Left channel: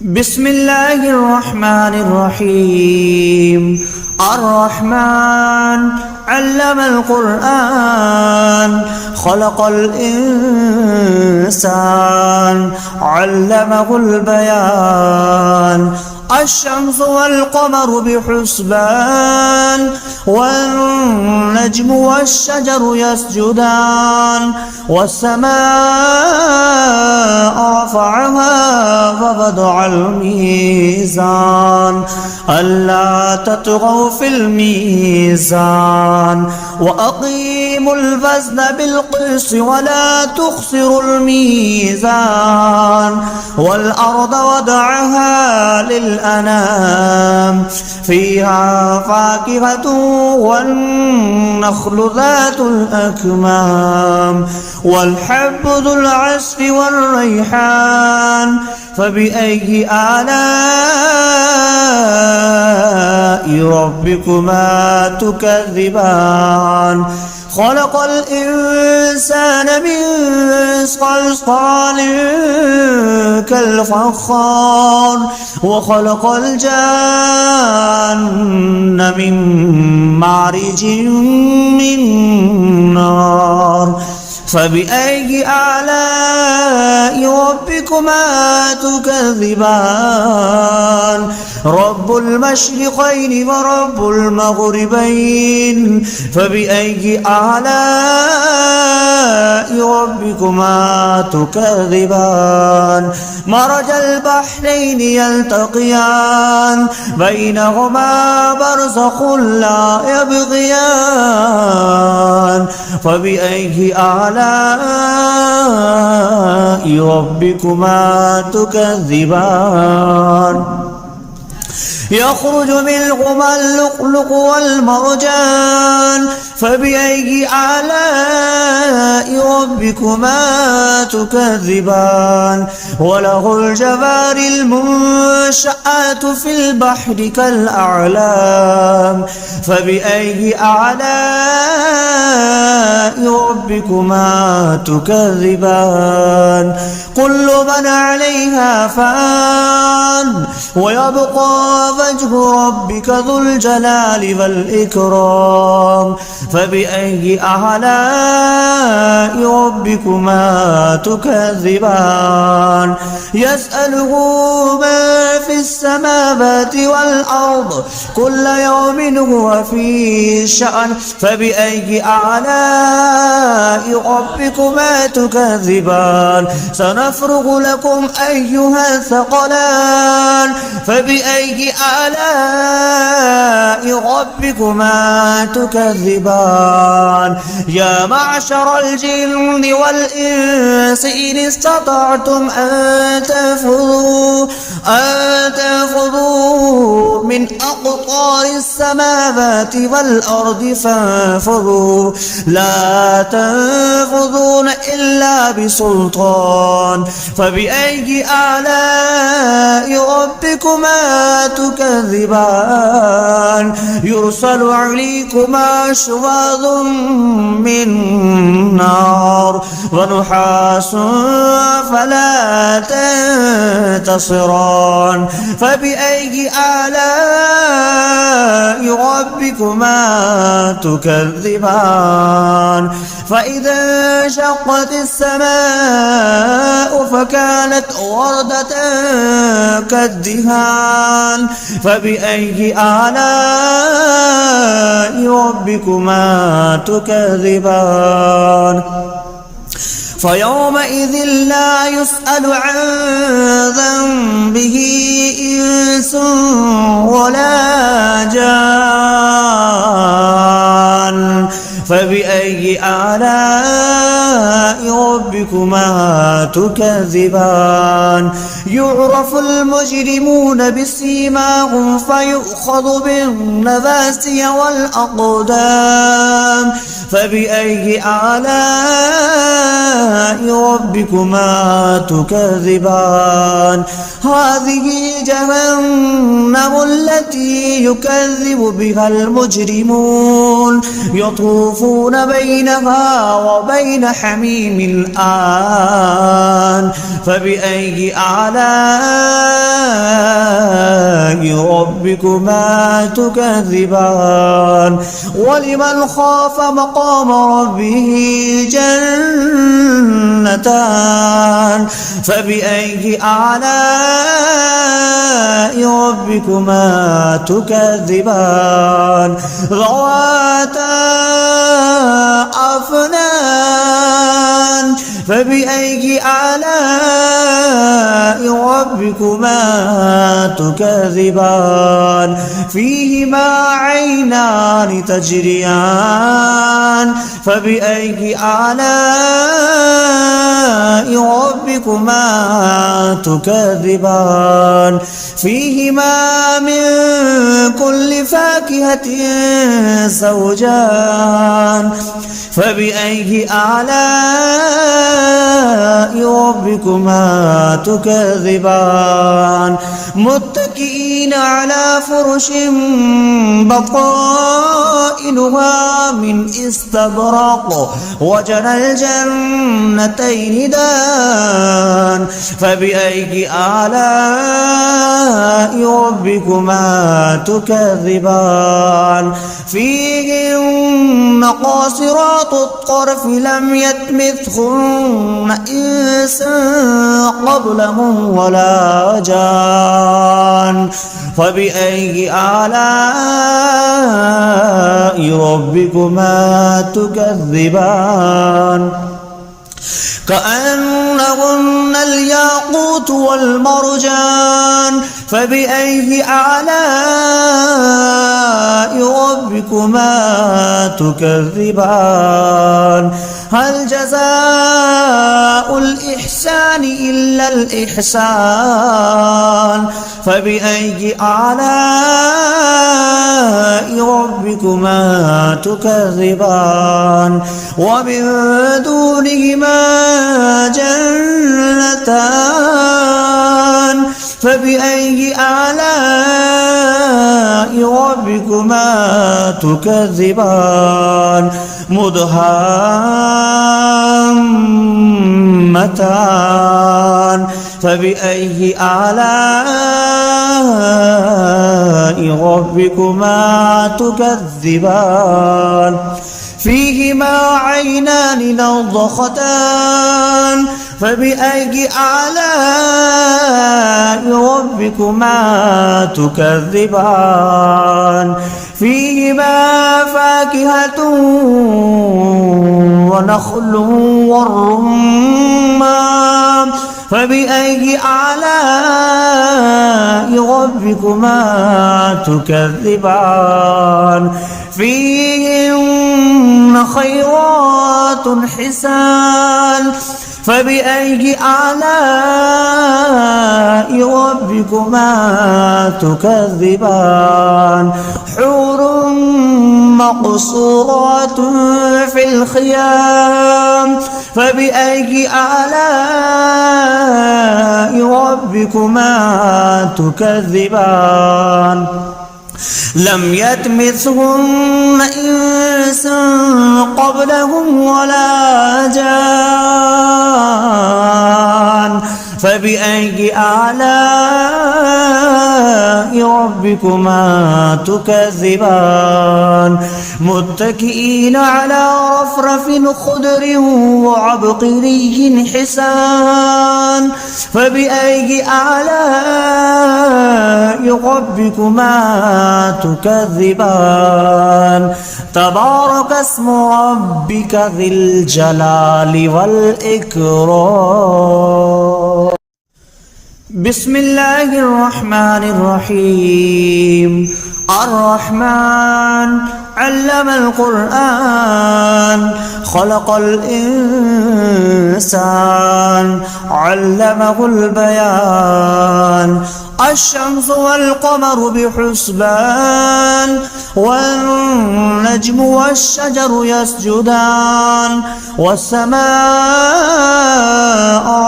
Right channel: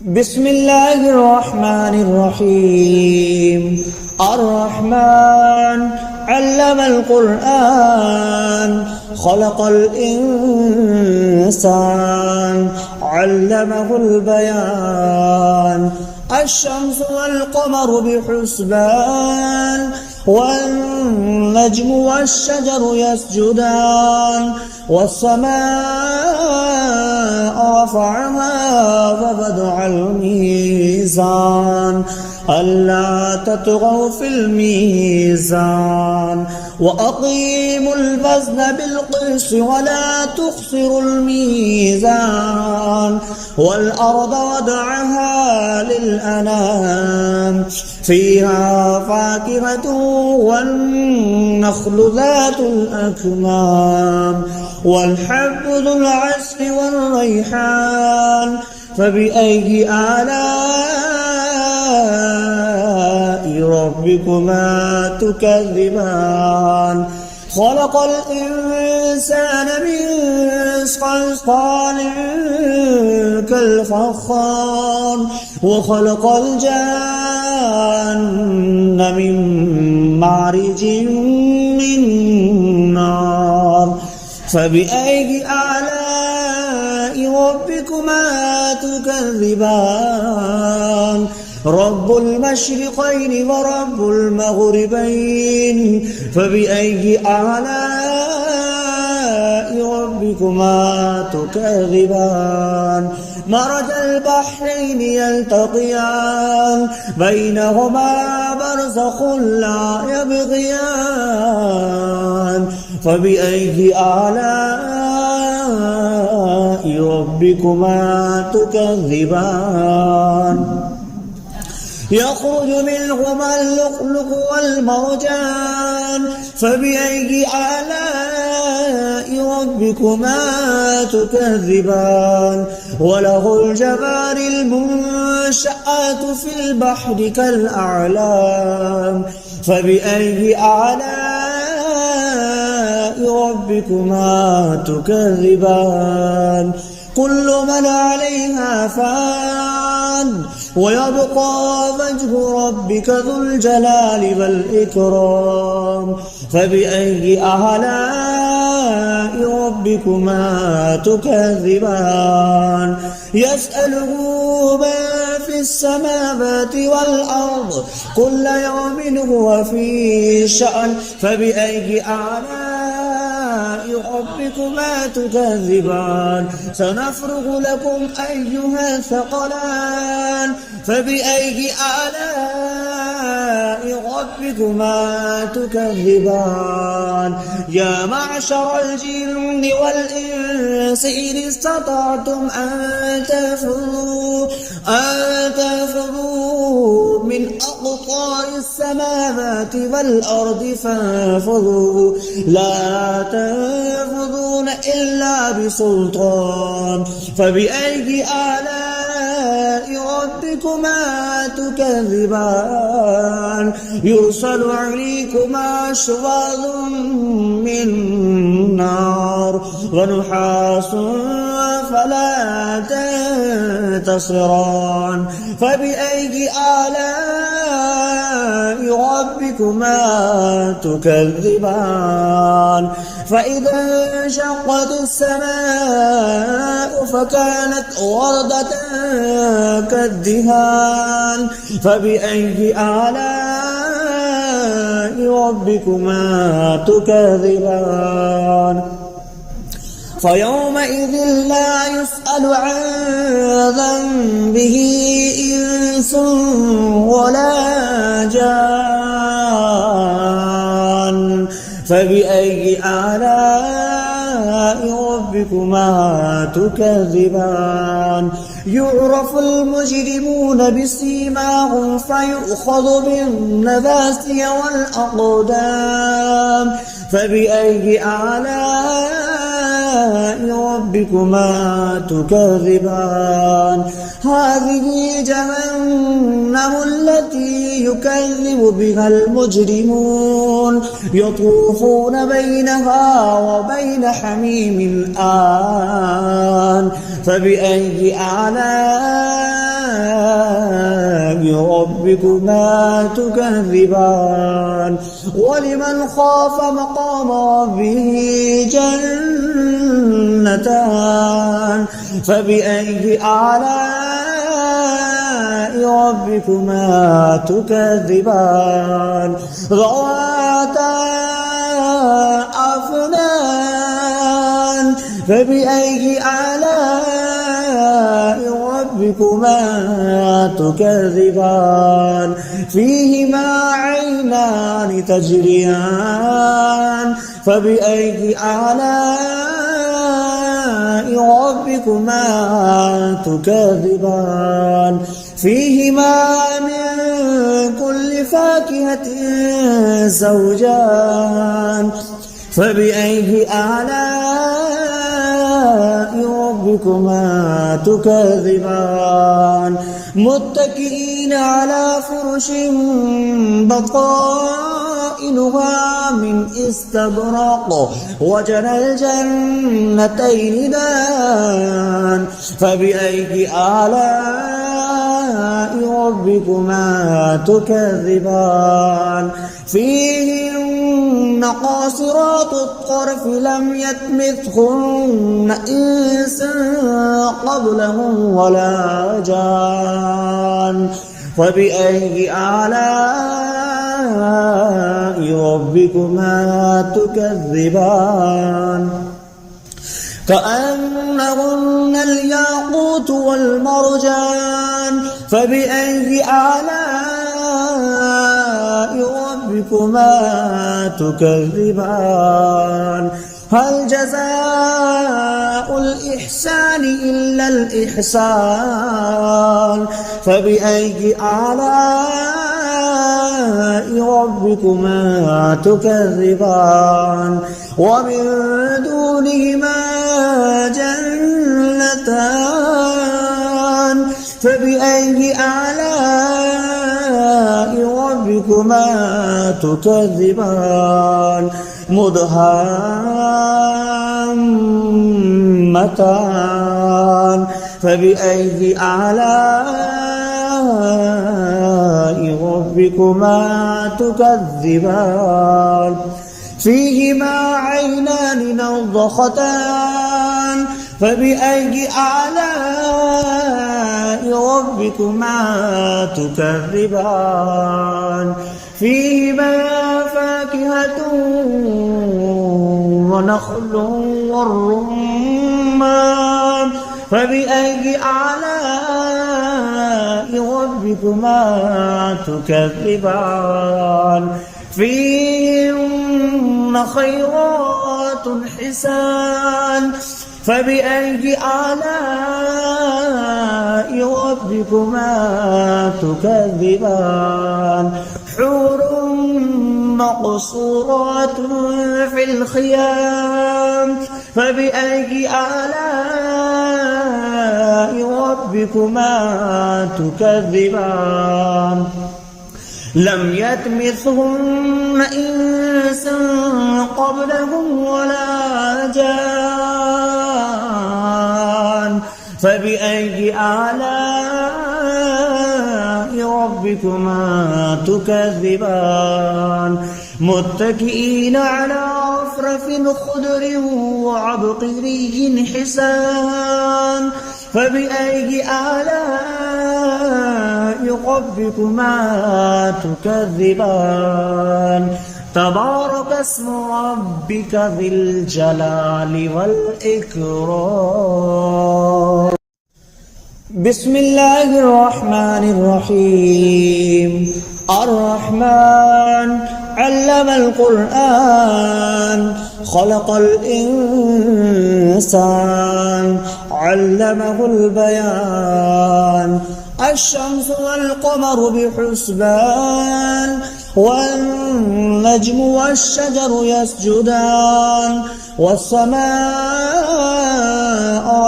بسم الله الرحمن الرحيم. الرحمن علم القرآن خلق الإنسان علمه البيان. الشمس والقمر بحسبان والنجم والشجر يسجدان والسماء رفعها ووضع الميزان ألا تطغوا في الميزان وأقيموا الوزن بالقسط ولا تخسروا الميزان والأرض وضعها للأنام فيها فاكهة والنخل ذات الأكمام والحب ذو العصف والريحان فبأي آلاء ربكما تكذبان. خلق الإنسان من صلصال كالفخار وخلق الجان من مارج من نار فبأي آلاء ربكما تكذبان. رب المشرقين ورب المغربين فبأي آلاء ربكما تكذبان. مرج البحرين يلتقيان بينهما برزخ لا يبغيان فبأي آلاء ربكما تكذبان. يخرج منهما اللؤلؤ والمرجان فبأي آلاء ربكما تكذبان. وله الجوار المنشآت في البحر كالأعلام فبأي آلاء ربكما تكذبان. كل من عليها فان ويبقى وجه ربك ذو الجلال والإكرام فبأي آلاء ربكما تكذبان. يسأله ما في السماوات والأرض كل يوم هو في شأن فبأي آلاء ربكما تكذبان. سنفرغ لكم أيها الثقلان فبأي آلاء ربكما تكذبان. يا معشر الجن والإنس إن استطعتم أن تنفذوا من أقطار السماوات والأرض فانفذوا لا تنفذون إلا بسلطان فبأي آلاء ربكما تكذبان. يرسل عليكما شواظ من نار ونحاس فلا تنتصران فبأي آلاء ربكما تكذبان. فإذا انشقت السماء فكانت وردة كالدهان فبأي آلاء ربكما تكذبان. فيومئذ لا يسأل عن ذنبه إنس ولا جان فبأي آلاء ربكما تكذبان. يعرف المجرمون بسيماهم فيؤخذ بالنواسي والأقدام فبأي آلاء ربكما تكذبان. هذه جهنم التي يكذب بها المجرمون يطوفون بينها وبين حميم آن فبأي آلاء ربكما تكذبان ولمن خاف مقام ربه جنتان فبأي آلاء ربكما تكذبان ذواتا أفنان فبأي آلاء ربكما تكذبان فيهما عينان تجريان فبأي آلاء ربكما تكذبان فيهما من كل فاكهة زوجان فبأي آلاء ربكما تكذبان متكئين على فرش بطائنها من استبرق وجنى الجنتين دان فبأي آلاء ربكما تكذبان فيهن قاصرات الطرف لم يطمثهن إنس قبلهم ولا جان فبأي آلاء ربكما تكذبان كأنهن الياقوت والمرجان فبأي آلاء ربكما تكذبان هل جزاء الإحسان إلا الإحسان فبأي آلاء ربكما تكذبان ومن دونهما جنتان فبأي آلاء ربكما تكذبان مدهامتان فبأي آلاء ربكما تكذبان فيهما عينان نضختان فبأي آلاء ربكما تكذبان فيهما فاكهة ونخل والرمان فبأي آلاء ربكما تكذبان فيهن خيرات حسان فبأي آلاء ربكما تكذبان حور مقصورات في الخيام فبأي آلاء ربكما تكذبان لم يطمثهن إنس قبلهم ولا جان فبأي آلاء ربكما تكذبان متكئين على رفرف خضر وعبقري حسان فبأي آلاء ربكما تكذبان تبارك اسم ربك ذي الجلال والإكرام بسم الله الرحمن الرحيم الرحمن علم القرآن خلق الإنسان علمه البيان الشمس والقمر بحسبان والنجم والشجر يسجدان والسماء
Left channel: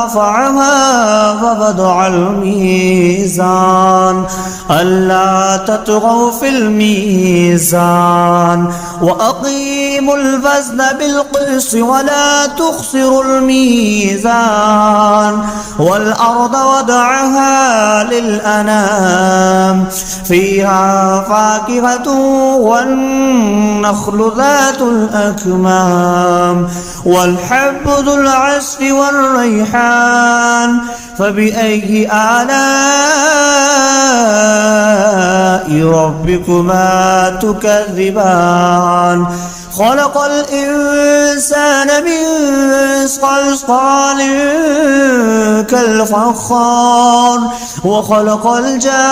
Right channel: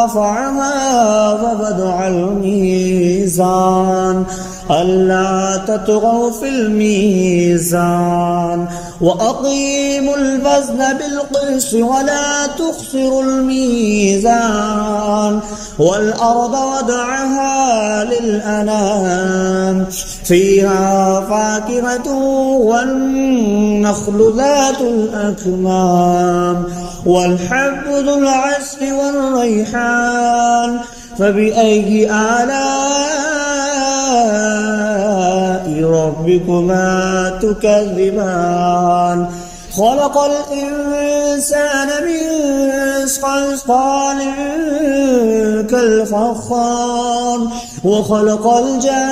رفعها ووضع الميزان ألا تطغوا في الميزان وأقيموا الوزن بالقسط ولا تخسروا الميزان والأرض وضعها للأنام فيها فاكهة والنخل ذات الأكمام والحب ذو العصف والريحان فبأي آلاء ربكما تكذبان خلق الإنسان من صلصال كالفخار وخلق الجان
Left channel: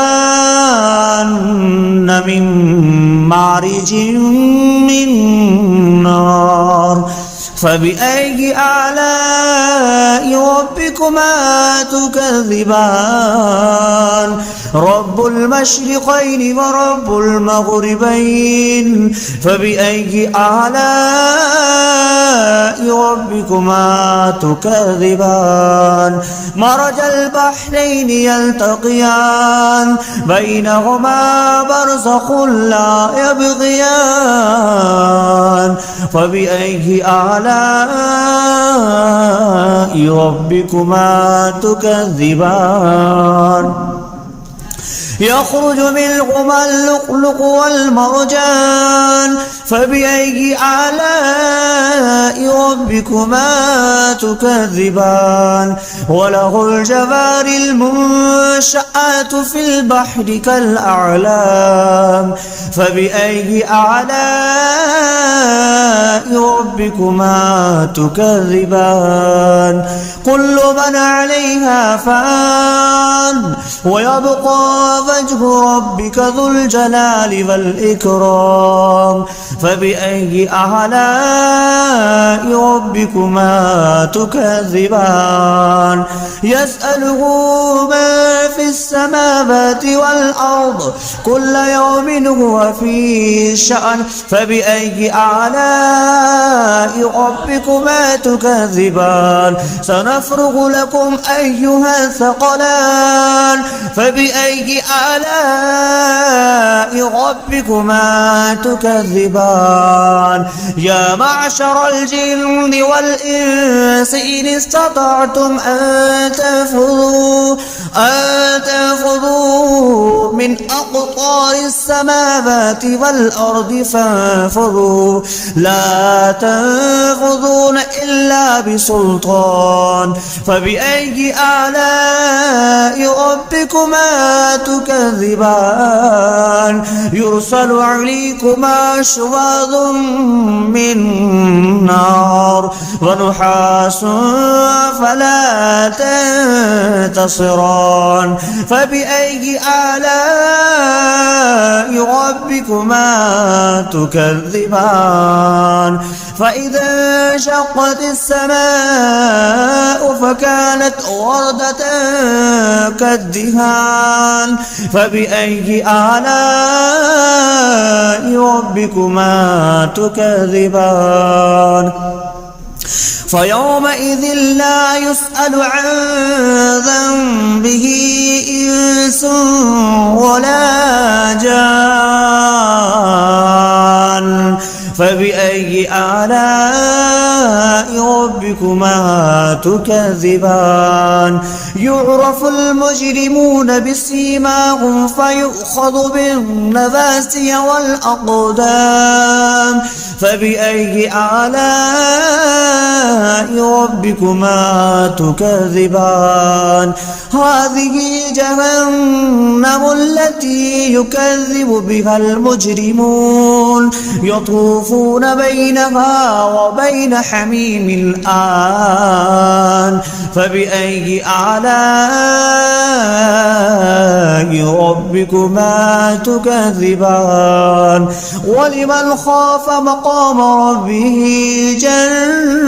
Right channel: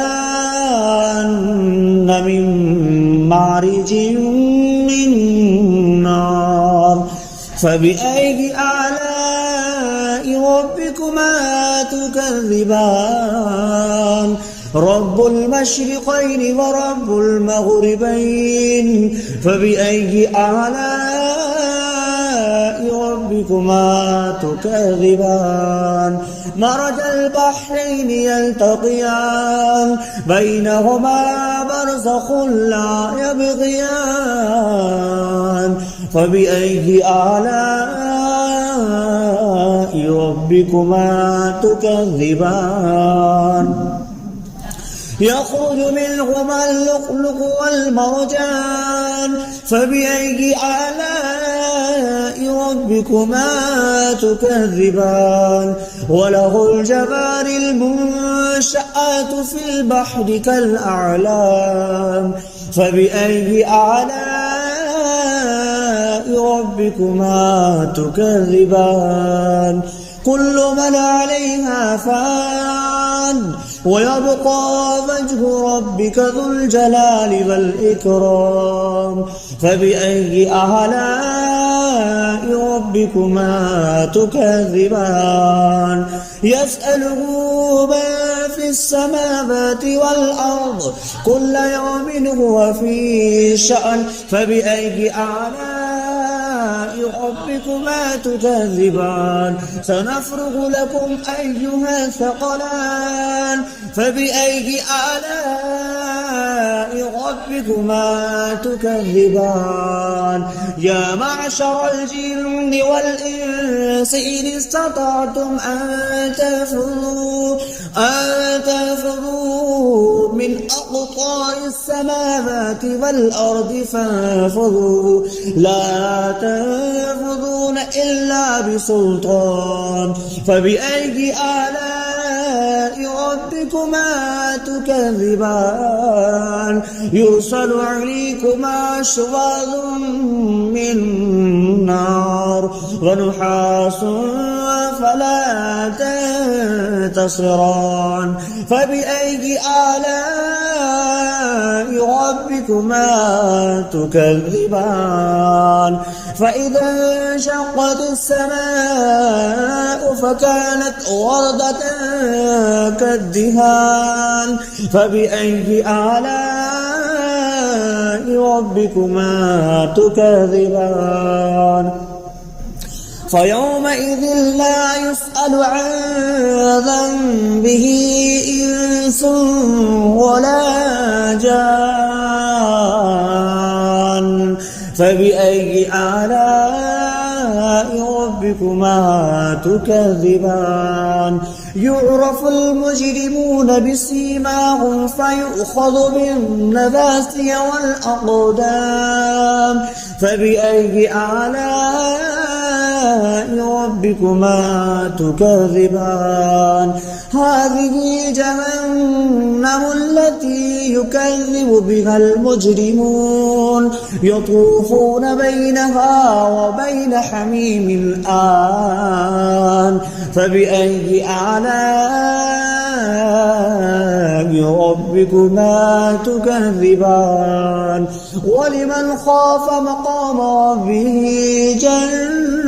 من مارج من نار فبأي آلاء ربكما تكذبان رب المشرقين ورب المغربين فبأي آلاء ربكما تكذبان مرج البحرين يلتقيان بينهما برزخ لا يبغيان فبأي آلاء ربكما تكذبان يخرج منهما اللؤلؤ والمرجان فبأي آلاء ربكما تكذبان وله الجوار المنشآت في البحر كالأعلام فبأي آلاء ربكما تكذبان كل من عليها فان ويبقى وجه ربك ذو الجلال والإكرام فبأي آلاء ربكما تكذبان يسأله ما في السماوات والأرض كل يوم هو في شأن فبأي آلاء ربكما تكذبان سنفرغ لكم أيها الثقلان فبأي آلاء ربكما تكذبان يا معشر الجن والإنس إن استطعتم أن تنفذوا من أقطار السماوات والأرض فانفذوا لا تنفذون إلا بسلطان فبأي آلاء ربكما تكذبان يرسل عليكما شواظ من نار ونحاس فلا تنتصران فبأي آلاء ربكما تكذبان فإذا انشقت السماء فكانت وردة كالدهان فبأي آلاء ربكما تكذبان فيومئذ لا يسأل عن ذنبه إنس ولا جان فبأي آلاء ربكما تكذبان يعرف المجرمون بسيماهم فيؤخذ بالنواسي والأقدام فبأي آلاء ربكما تكذبان هذه جهنم التي يكذب بها المجرمون يطوفون بينها وبين حميم آن فبأي آلاء ربكما تكذبان ولمن خاف مقام ربه جنتان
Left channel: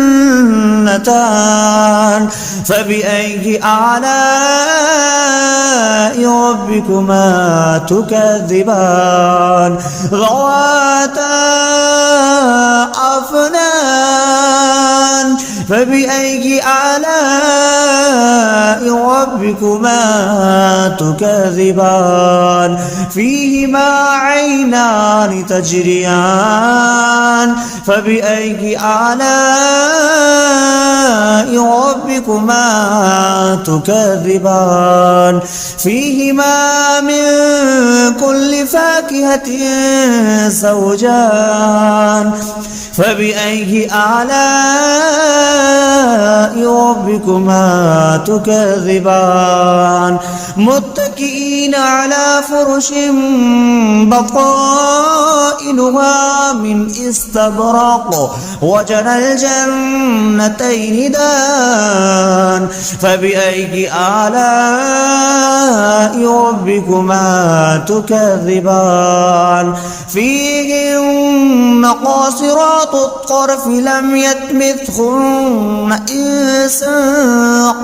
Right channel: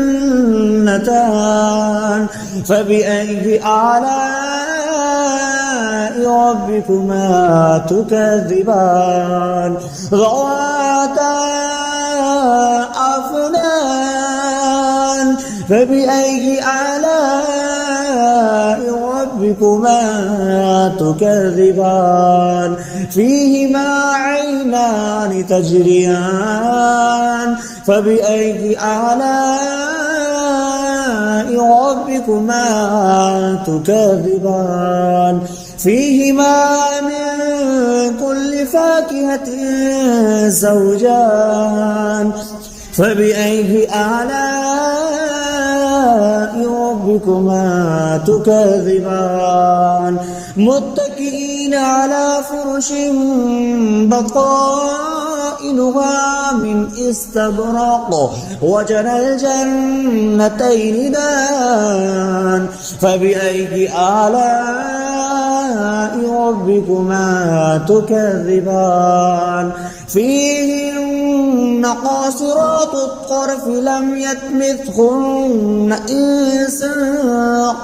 فبأي آلاء ربكما تكذبان ذواتا أفنان فبأي آلاء ربكما تكذبان فيهما عينان تجريان فبأي آلاء ربكما تكذبان فيهما من كل فاكهة زوجان فبأي آلاء ربكما تكذبان متكئين على فرش بطائنها من استبرق وجنى الجنتين دان فبأي آلاء ربكما تكذبان فيهن قاصرات الطرف لم يطمثهن إنس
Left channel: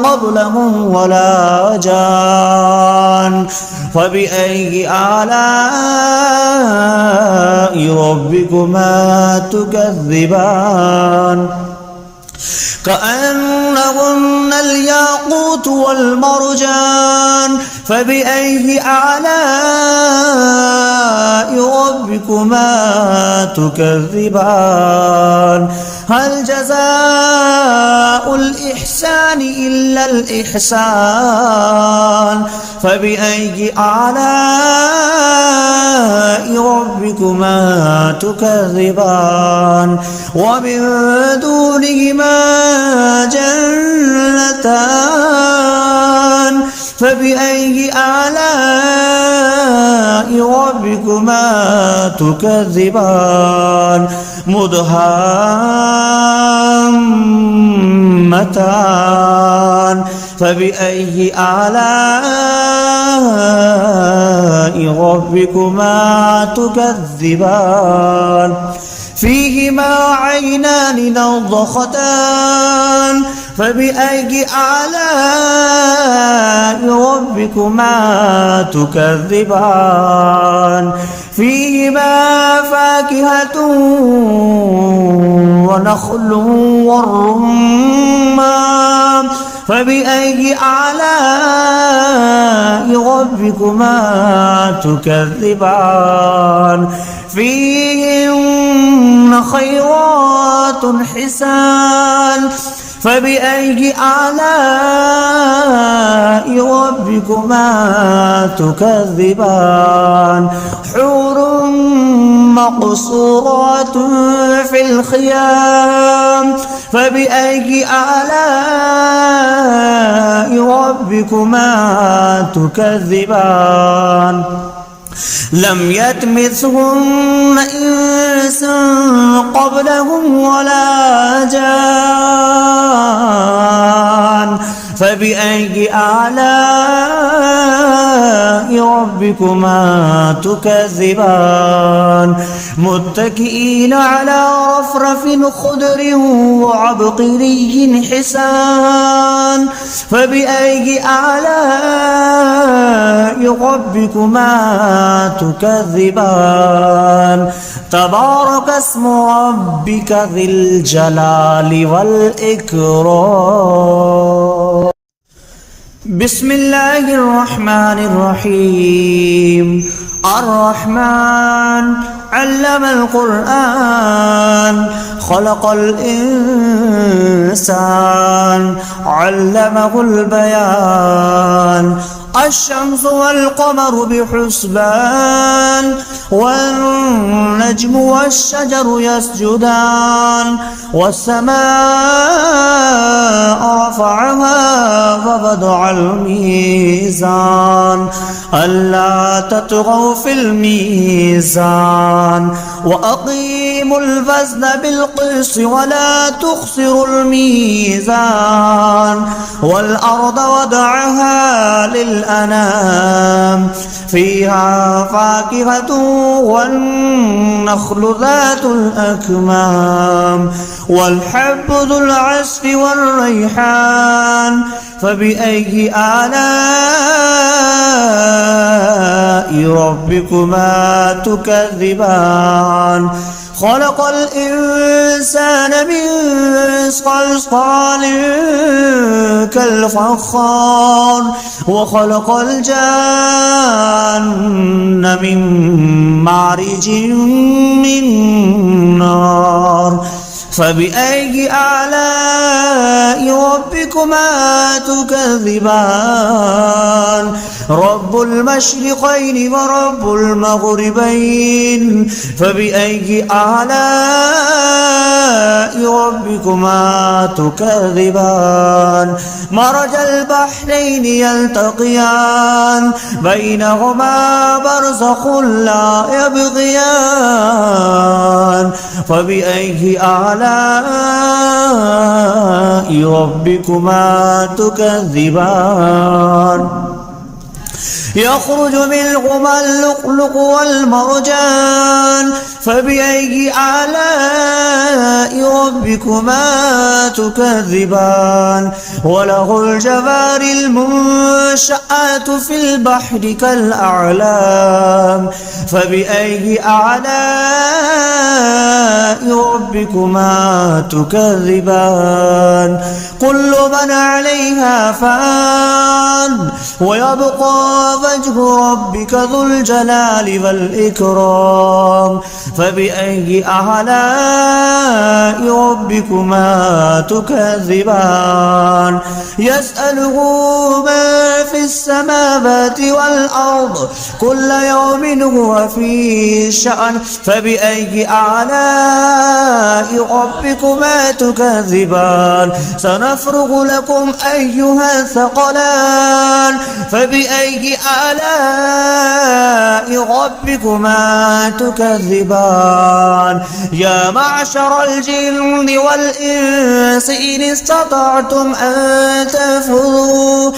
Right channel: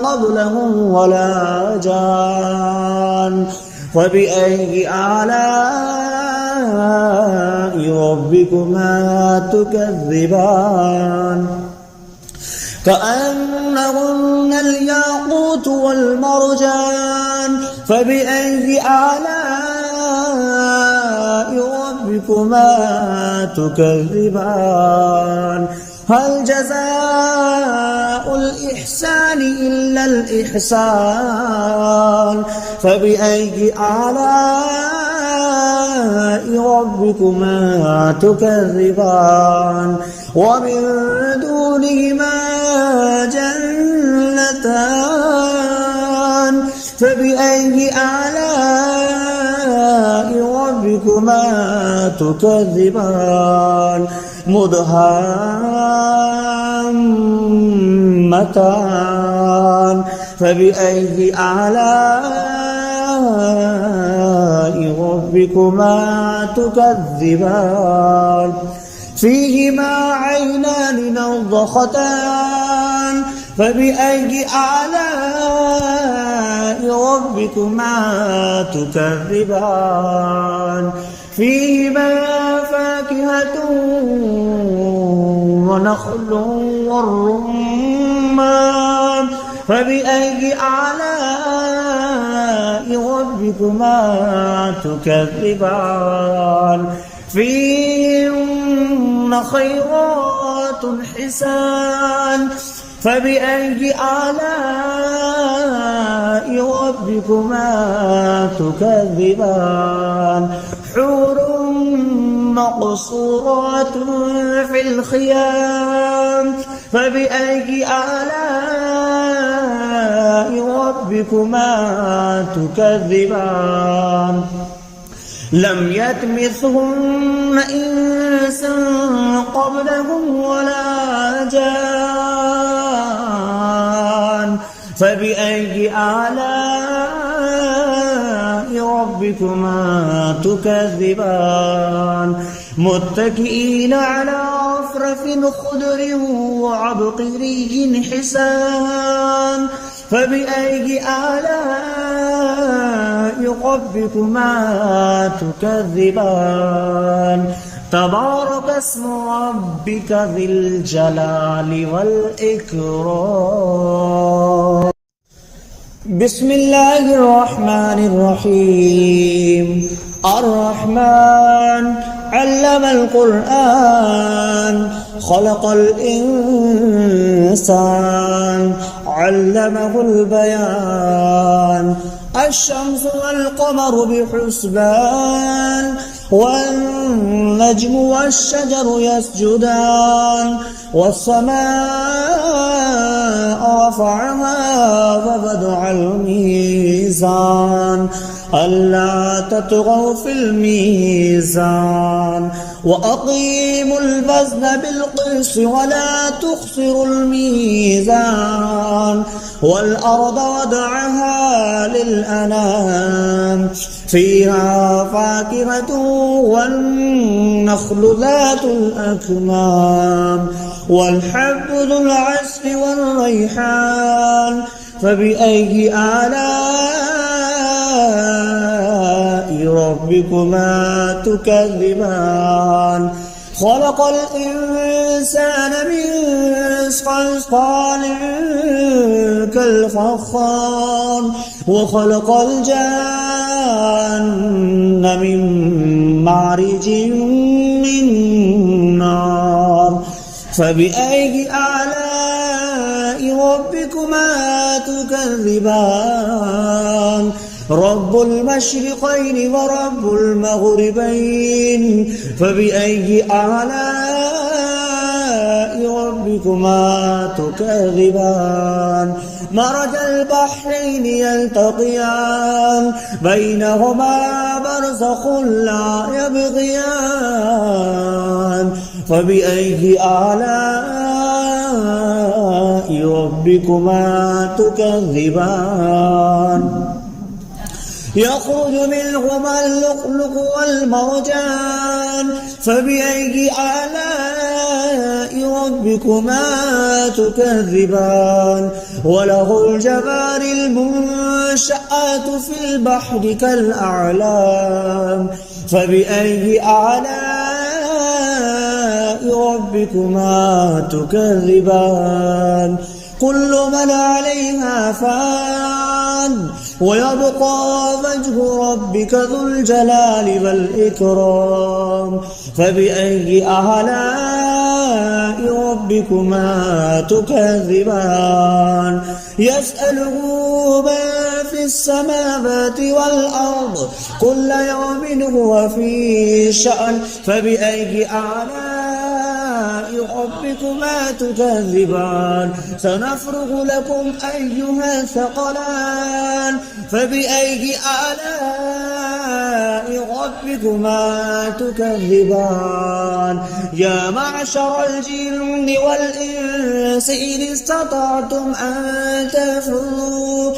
قبلهم ولا جان فبأي آلاء ربكما تكذبان كأنهن الياقوت والمرجان فبأي آلاء ربكما تكذبان هل جزاء الإحسان إلا الإحسان فبأي آلاء ربكما تكذبان ومن دونهما جنتان فبأي آلاء ربكما تكذبان مدهامتان فبأي آلاء ربكما تكذبان فيهما عينان نضختان فبأي آلاء ربكما تكذبان فيهما فاكهة ونخل والرمان فبأي آلاء ربكما تكذبان فيهن خيرات حسان فبأي آلاء ربكما تكذبان حور مقصورات في الخيام فبأي آلاء ربكما تكذبان لم يطمثهن إنس قبلهم ولا جان فبأي آلاء ربكما تكذبان متكئين على رفرف خضر وعبقري حسان فبأي آلاء ربكما تكذبان تبارك اسم ربك ذي الجلال والإكرام بسم الله الرحمن الرحيم الرحمن علم القرآن خلق الإنسان علمه البيان الشمس والقمر بحسبان والنجم والشجر يسجدان والسماء رفعها ووضع الميزان ألا تطغوا في الميزان وأقيموا الوزن بالقسط ولا تخسروا الميزان والأرض وضعها للأنام فيها فاكهة والنخل ذات الأكمام والحب ذو العصف والريحان فبأي آلاء ربكما تكذبان خلق الإنسان من صلصال كالفخار وخلق الجان من مارج من نار فبأي آلاء ربكما تكذبان رب المشرقين ورب المغربين فبأي آلاء ربكما تكذبان مرج البحرين يلتقيان بينهما برزخ لا يبغيان فبأي آلاء ربكما تكذبان يخرج منهما اللؤلؤ والمرجان فبأي آلاء ربكما تكذبان وله الجوار المنشآت في البحر كالأعلام فبأي آلاء ربكما تكذبان كل من عليها فان ويبقى وجه ربك ذو الجلال والإكرام فبأي آلاء ربكما تكذبان يسأله ما في السماوات والأرض كل يوم هو في شأن فبأي آلاء ربكما تكذبان سنفرغ لكم أيها الثقلان فبأي آلاء ربكما تكذبان يا معشر الجن والإنس إن استطعتم أن تنفذوا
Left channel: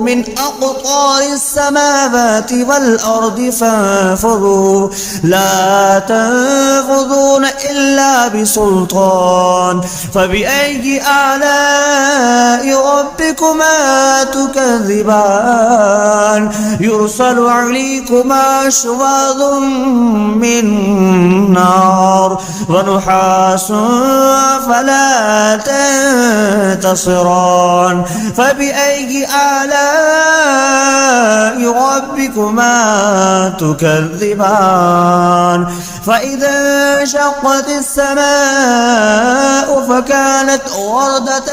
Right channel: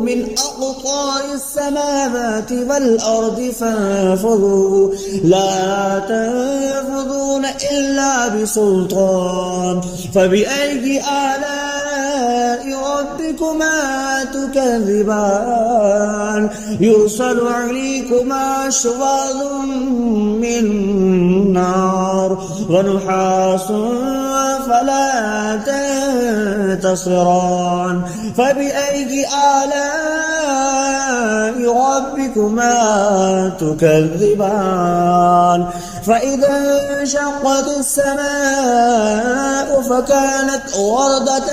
من أقطار السماوات والأرض فانفذوا لا تنفذون إلا بسلطان فبأي آلاء ربكما تكذبان يرسل عليكما شواظ من نار ونحاس فلا تنتصران فبأي آلاء ربكما تكذبان فإذا انشقت السماء فكانت وردة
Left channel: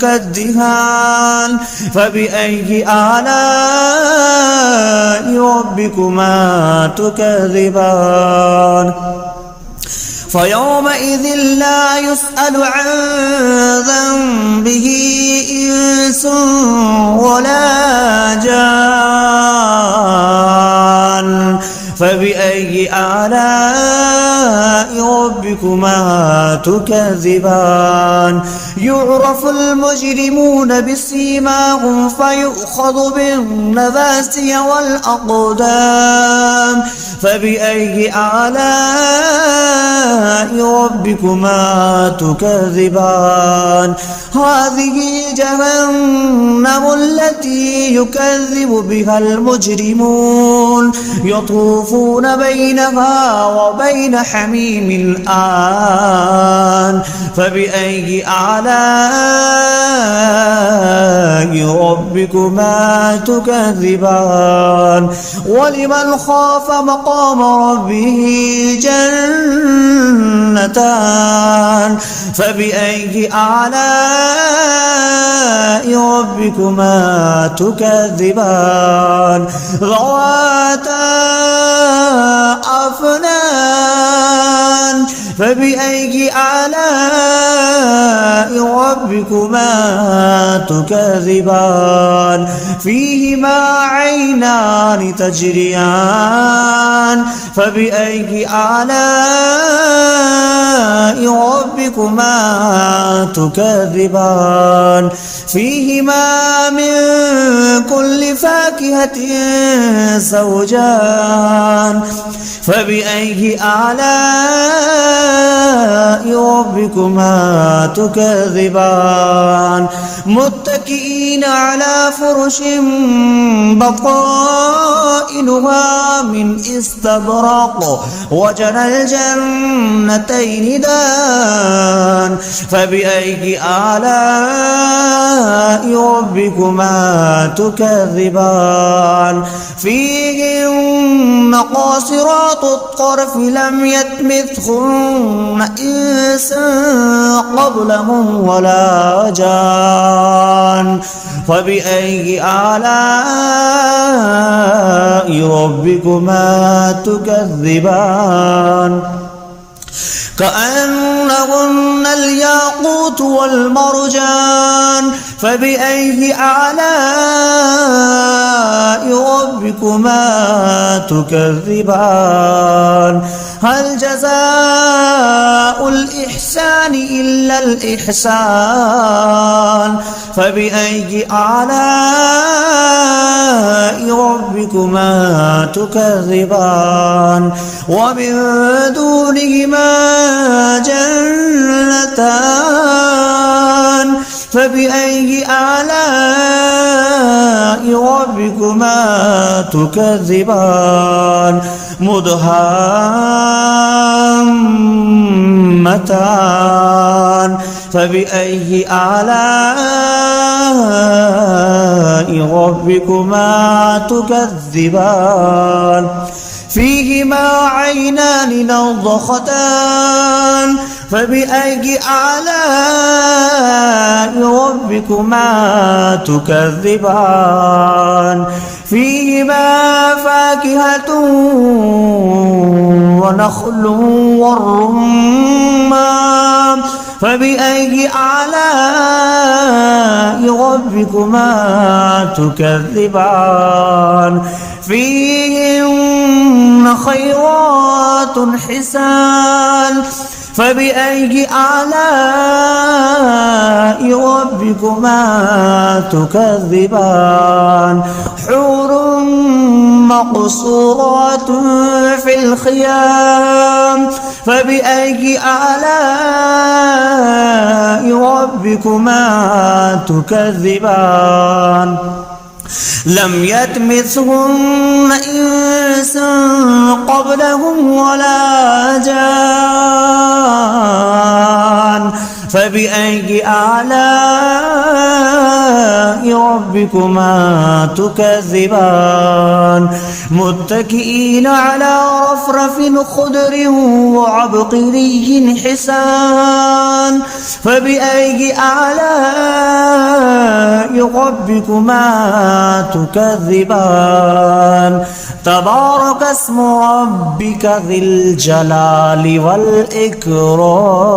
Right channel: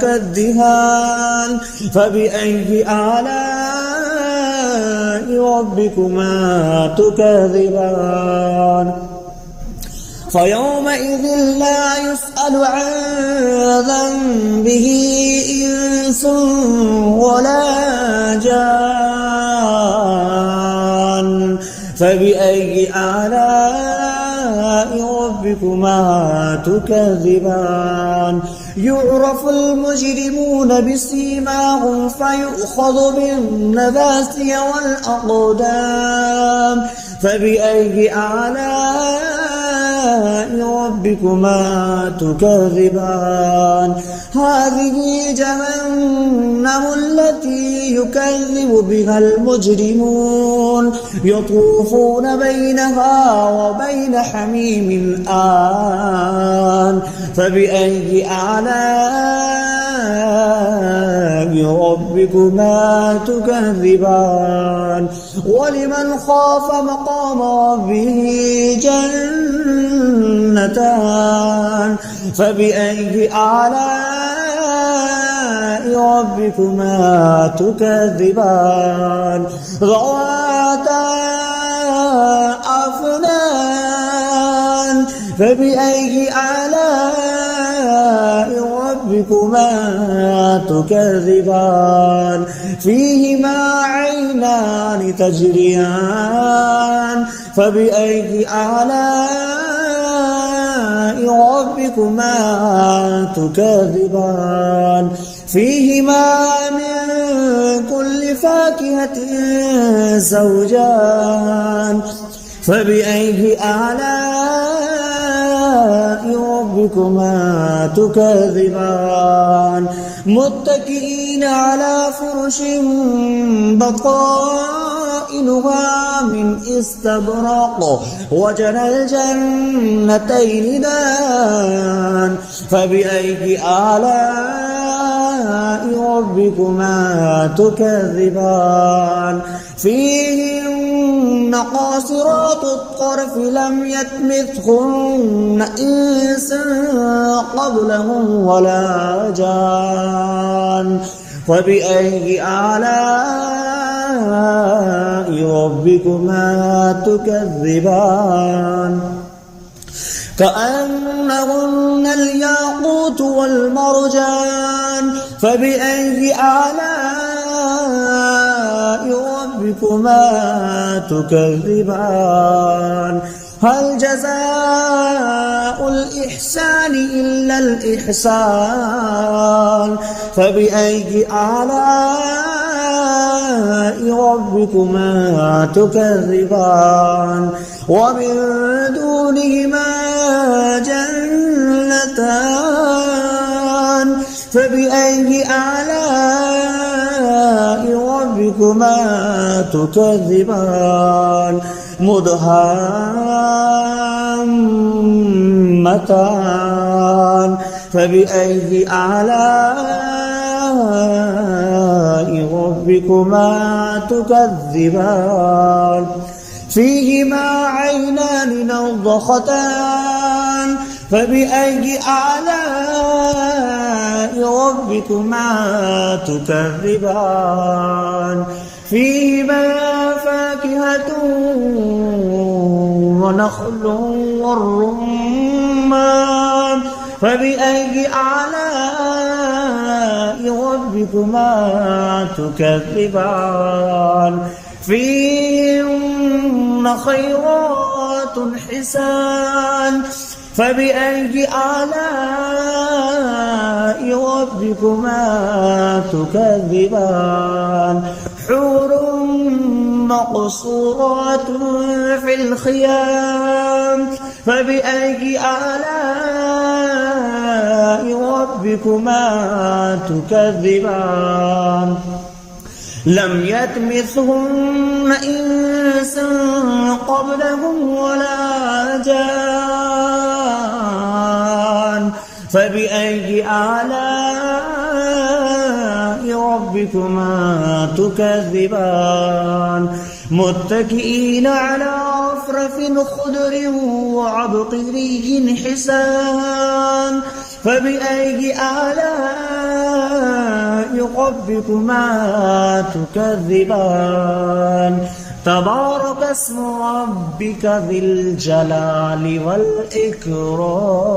كالدهان فبأي آلاء ربكما تكذبان فيومئذ لا يسأل عن ذنبه إنس ولا جان فبأي آلاء ربكما تكذبان يعرف المجرمون بسيماهم فيؤخذ بالنواسي والأقدام فبأي آلاء ربكما تكذبان هذه جهنم التي يكذب بها المجرمون يطوفون بينها وبين حميم آن فبأي آلاء ربكما تكذبان ولمن خاف مقام ربه جنتان فبأي آلاء ربكما تكذبان ذواتا أفنان فبأي آلاء ربكما تكذبان فيهما عينان تجريان فبأي آلاء ربكما تكذبان فيهما من كل فاكهة زوجان فبأي آلاء ربكما تكذبان متكئين على فرش بطائنها من استبرق وجنى الجنتين دان فبأي آلاء ربكما تكذبان فيهن قاصرات الطرف لم يطمثهن إنس قبلهم ولا جان فبأي آلاء ربكما تكذبان كأنهن الياقوت والمرجان فبأي آلاء ربكما تكذبان هل جزاء الإحسان إلا الإحسان فبأي آلاء ربكما تكذبان ومن دونهما جنتان فبأي آلاء ربكما تكذبان مدهامتان فبأي آلاء ربكما تكذبان فيهما عينان نضختان فبأي آلاء ربكما تكذبان فيهما فاكهة ونخل والرمان فبأي آلاء ربكما تكذبان فيهن خيرات حسان فبأي آلاء ربكما تكذبان حور مقصورات في الخيام فبأي آلاء ربكما تكذبان لم يطمثهن إنس قبلهم ولا جان فبأي آلاء ربكما تكذبان متكئين على رفرف خضر وعبقري حسان فبأي آلاء ربكما تكذبان تبارك اسم ربك ذي الجلال والإكرام.